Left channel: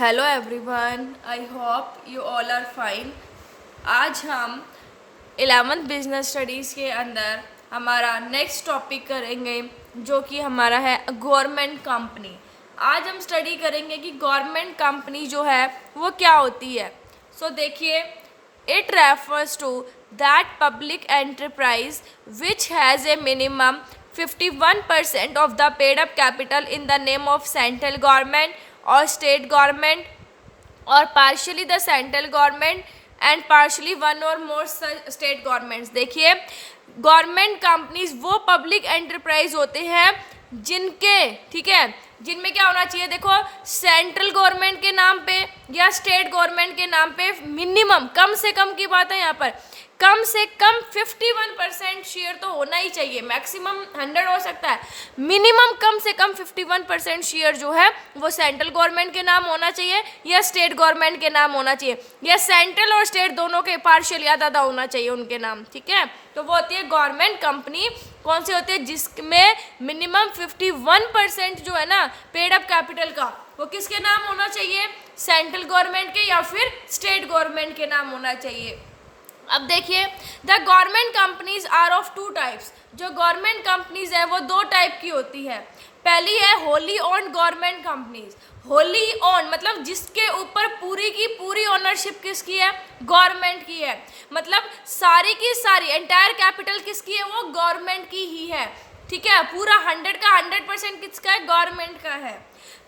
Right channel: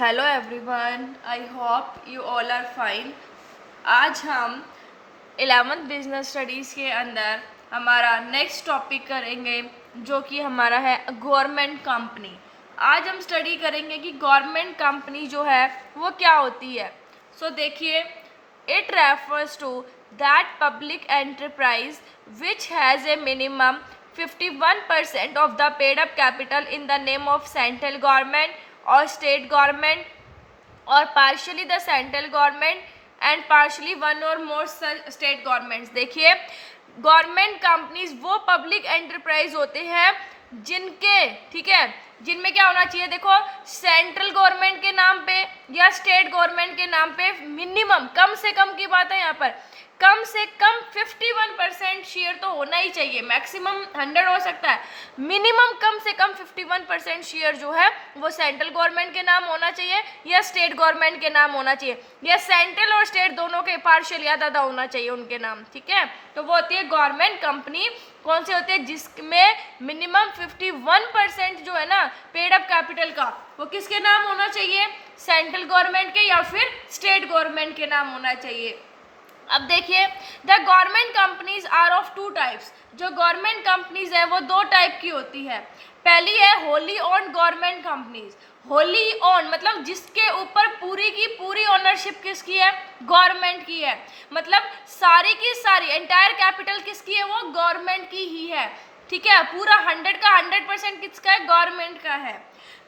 Hello everyone, I hope you all are fine. आज हम 11th business studies के अंदर हमारा नेक्स्ट टॉपिक करेंगे जो कि हमारा है गवर्नमेंट कंपनी। आज हम स्टडी करेंगे कि गवर्नमेंट कंपनी जो है वो क्या होती है। देखिए, it refers to that public enterprise which has a minimum 51% of the paid up capital in the name of central government or state government or partially the central government and partially one or more state governments। देखिए, government companies वो public enterprise होते हैं जिनके, ठीक है, जिनमें क्या होना चाहिए, देखो, सेंट्रल गवर्नमेंट के नाम पे या स्टेट गवर्नमेंट के नाम पे मिनिमम, कम से कम की बात है यहाँ पर, कम से कम 51% शेयर तो होना ही चाहिए। मैक्सिमम 100 हो सकता है, मिनिमम कम से कम 51% शेयर जो है वो सेंट्रल गवर्नमेंट के नाम होना चाहिए या स्टेट गवर्नमेंट के नाम होना चाहिए, या सेंट्रल और स्टेट दोनों के पार्शियल या ज़्यादा होना चाहिए उनके नाम, ठीक है। तो वो होती है गवर्नमेंट कंपनी। कौन सी होती है? जिसमें मिनिमम 51% जो है ना पेड अप कैपिटल का, वो किसके नाम होना चाहिए? सेंट्रल गवर्नमेंट के या फिर स्टेट गवर्नमेंट के नाम होना चाहिए। अब देखिए, the government companies are of two types. जो गवर्नमेंट कंपनीज है वो दो टाइप की होती है। पहली है wholly owned government companies. Wholly own मतलब जिसके ऊपर पूरी की पूरी ओनरशिप किसकी है? गवर्नमेंट की है। मतलब सारी की सारी एंटायर कैपिटल किसकी है? वो गवर्नमेंट की ही है, ठीक है। पूरा 100 का 100% किसका है? गवर्नमेंट का है।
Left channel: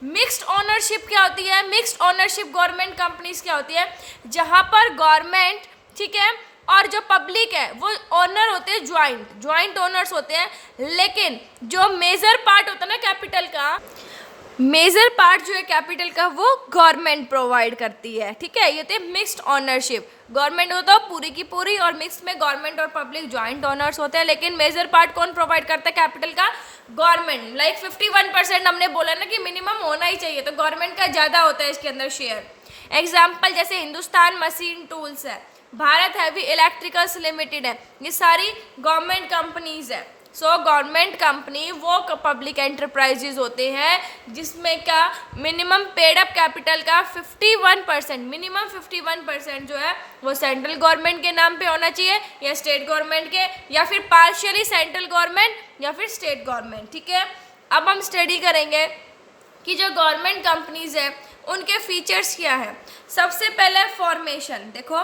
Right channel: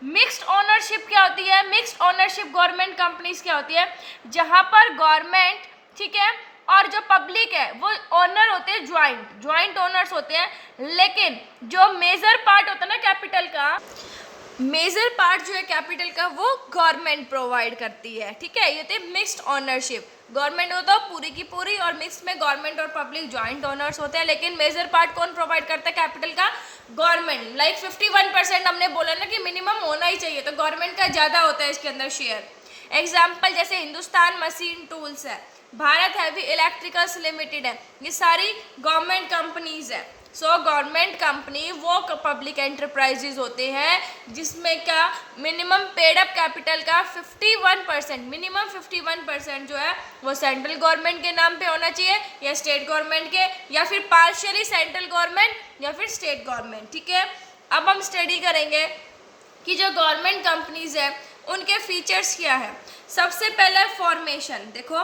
मिक्स्ड ओनरशिप क्या होती है? मिक्स्ड ओनरशिप गवर्नमेंट कंपनीज क्या होती है? जहां पर गवर्नमेंट, ठीक है, और जो पब्लिक है वो ओनर होते हैं, ज्वाइंट ओनर्स होते हैं, लेकिन जो मेजर पार्ट होता है ना कैपिटल का, मेजर पार्ट जो है कैपिटल का वो गवर्नमेंट प्रोवाइड करती है, ठीक है। ये होती है मिक्स्ड ओनरशिप। गवर्नमेंट होता है पूरी की पूरी और मिक्स में गवर्नमेंट और पब्लिक ज्वाइंट ओनर्स होते हैं, लेकिन मेजर पार्ट कौन प्रोवाइड करता है कैपिटल का? गवर्नमेंट। लाइक 51% हमने बोला ना कि मिनिमम होना ही चाहिए, तो गवर्नमेंट का ज़्यादा होता है इसके अंदर शेयर। एग्जाम्पल जैसे हिंदुस्तान मशीन टूल्स है, भारत हैवी इलेक्ट्रिकल्स लिमिटेड है, ये सारी गवर्नमेंट कंपनीज है। गवर्नमेंट कंपनी वो पब्लिक एंटरप्राइजेज होते हैं जिसमें का मिनिमम पेड अप कैपिटल का 51%, मिनिमम 51% जो है वो सेंट्रल गवर्नमेंट के नाम पे होना चाहिए या स्टेट गवर्नमेंट के, या फिर पार्शियली सेंट्रल गवर्नमेंट या फिर स्टेट गवर्नमेंट, ठीक है। अब हम स्टडी करेंगे कि जो गवर्नमेंट कंपनीज है उनके फीचर्स क्या है। सबसे पहले फॉर्मेशन देखो,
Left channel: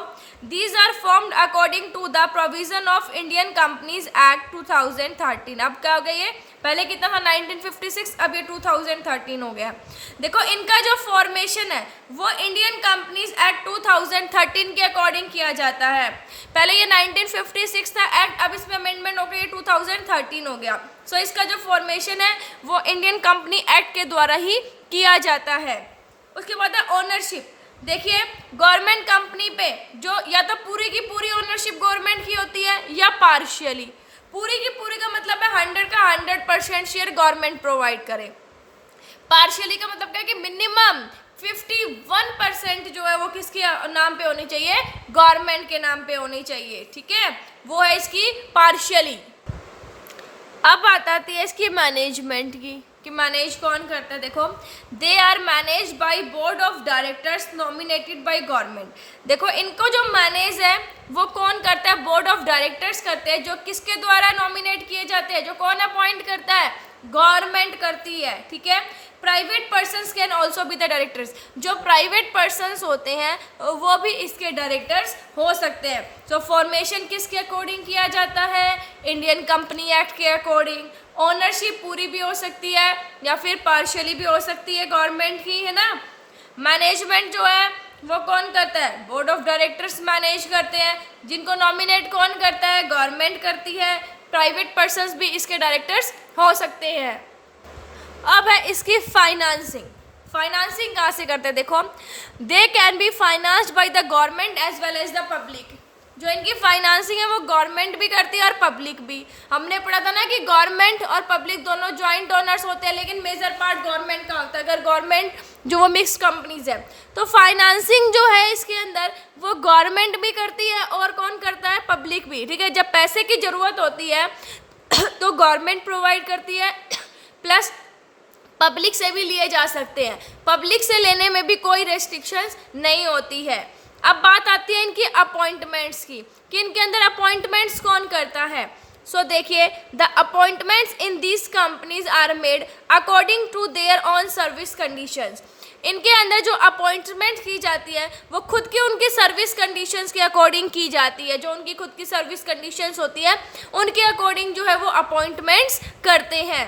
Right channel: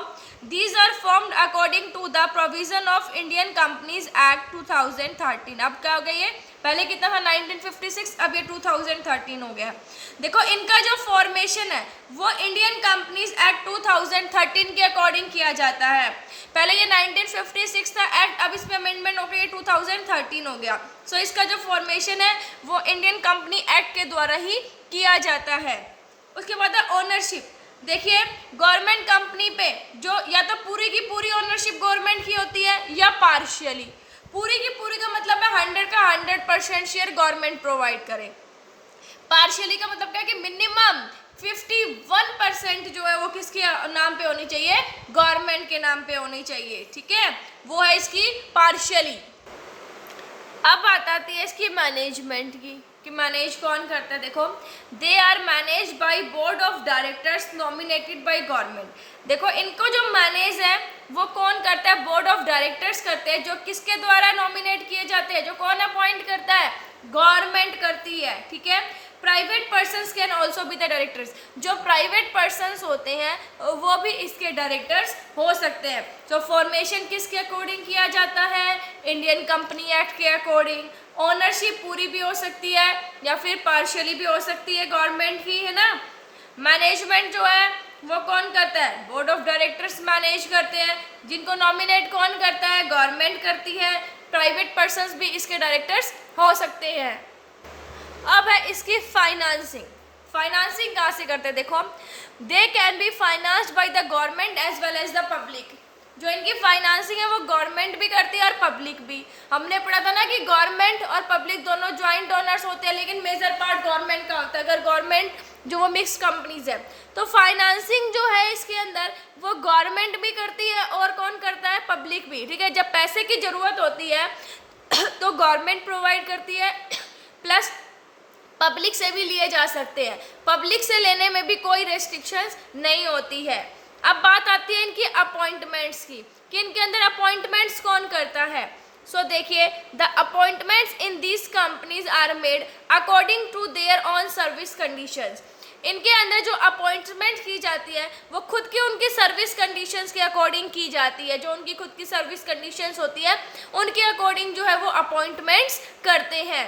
these are formed according to the provision of Indian Companies Act 2013। अब क्या हो गया ये? पहले कितना था? 1956, अब ये 2013 हो गया। देखो, इनका जो फॉर्मेशन है वो इंडियन कंपनीज एक्ट 2013 के अकॉर्डिंग किया जाता है। पहले ये 1956 था एक्ट, अब इसमें अमेंडमेंट हो गई, 2013 हो गया। इसका जो फॉर्मेशन है वो इंडियन कंपनी एक्ट के द्वारा ही किया जाता है। उसके बाद है ओनरशिप। देखिए, गवर्नमेंट कंपनी पे जो या तो पूरी की पूरी ओनरशिप गवर्नमेंट की होती है या पार्शियली। पूरी की पूरी का मतलब है 100 का 100% शेयर गवर्नमेंट प्रोवाइड करे। पार्शियली का मतलब क्या है कि मिनिमम 51% जो है वो किसके नाम पे होनी चाहिए? गवर्नमेंट के नाम पे होनी चाहिए, ठीक है। वो है इसकी पार्शियली। अब बात आती है इसकी मैनेजमेंट की कि मैनेज कौन करता है। देखो, they are manage by board of directors nominated by government. देखो, इनको जो मैनेज है वो कौन करता है? बोर्ड ऑफ डायरेक्टर्स करते हैं, जो किसके द्वारा नॉमिनेट किए जाते हैं? जो कौन अपॉइंट करता है? गवर्नमेंट करती है, ठीक है। Private persons can also be the directors. जो प्राइवेट पर्सनस होते हैं वो भी इसके डायरेक्टर्स हो सकते हैं। फॉर्मेशन किसके अकॉर्डिंग किया जाता है? इंडियन कंपनी एक्ट के अकॉर्डिंग। ओनरशिप पूरी भी हो सकती है या फिर पार्शियली भी हो सकती है, गवर्नमेंट की, है ना। मैनेजमेंट जो है वो कौन करता है? बोर्ड ऑफ डायरेक्टर्स मैनेज करते हैं, जिनको नॉमिनेट कौन करता है? गवर्नमेंट करती है। प्राइवेट पर्सनस भी इसके डायरेक्टर्स हो सकते हैं। अब है इसकी फाइनेंसिंग। फाइनेंसिंग कहाँ से करते हैं? देखो, they can be financed by the government as well as the public. जो इनकी फाइनेंसिंग है वो गवर्नमेंट भी करती है और पब्लिक भी। हमने पढ़ा था ना कि गवर्नमेंट और पब्लिक दोनों ज्वाइंट ओनर्स होते हैं, लेकिन मेजर पार्ट गवर्नमेंट का होता है। अगर गवर्नमेंट जो वो मिक्स कंपनीज है, तो फाइनेंसिंग जो है इसके अंदर वो गवर्नमेंट भी करती है और कौन करता है? पब्लिक भी, ठीक है। जब पैसे की ज़रूरत होती है तो गवर्नमेंट प्रोवाइड करती है, प्लस पब्लिक से भी लिए जा सकते हैं, पब्लिक से लेने में भी कोई रेस्ट्रिक्शंस नहीं होती है। अब बात आती है इनकी अपॉइंटमेंट्स की कि इनके अंदर अपॉइंटमेंट्स कौन करता है। सो देखिए, the appointments in these companies are made according to their own service conditions. इनके अंदर जो अपॉइंटमेंट की जाती है वो खुद की उनकी सर्विस कंडीशंस के अकॉर्डिंग की जाती है। जो उनकी खुद की सर्विस कंडीशंस होती है उनके अकॉर्डिंग जो है वो अपॉइंटमेंट्स करते हैं।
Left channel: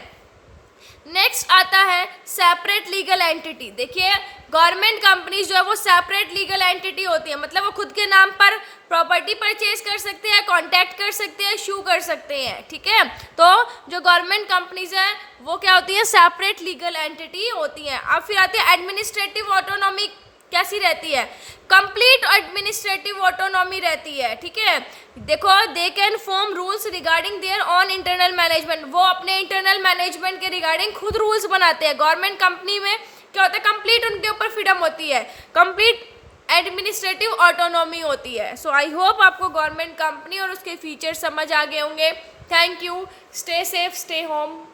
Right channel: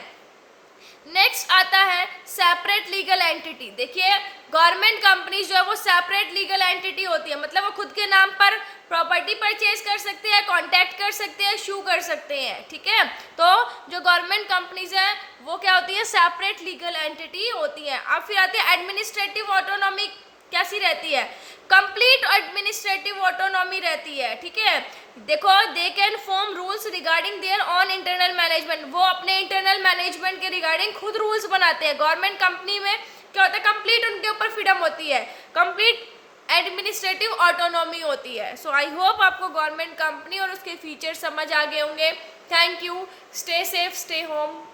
नेक्स्ट आता है सेपरेट लीगल एंटिटी। देखिए, गवर्नमेंट कंपनीज जो है वो सेपरेट लीगल एंटिटी होती है, मतलब वो खुद के नाम पर प्रॉपर्टी परचेज कर सकते हैं, कॉन्टैक्ट कर सकते हैं, शू कर सकते हैं, ठीक है। तो जो गवर्नमेंट कंपनीज हैं वो क्या होती है, सेपरेट लीगल एंटिटी होती है। अब फिर आती है एडमिनिस्ट्रेटिव ऑटोनॉमी, कैसी रहती है, कंप्लीट एडमिनिस्ट्रेटिव ऑटोनॉमी रहती है, ठीक है। देखो, they can form rules regarding their on internal management, वो अपने इंटरनल मैनेजमेंट के रिगार्डिंग खुद रूल्स बनाते हैं। गवर्नमेंट कंपनी में क्या होता है, कंप्लीट उनके ऊपर फ्रीडम होती है, कंप्लीट एडमिनिस्ट्रेटिव ऑटोनॉमी होती है। सो आई होप आपको गवर्नमेंट कंपनी और उसके फीचर समझ आ गए होंगे। Thank you, stay safe, stay home.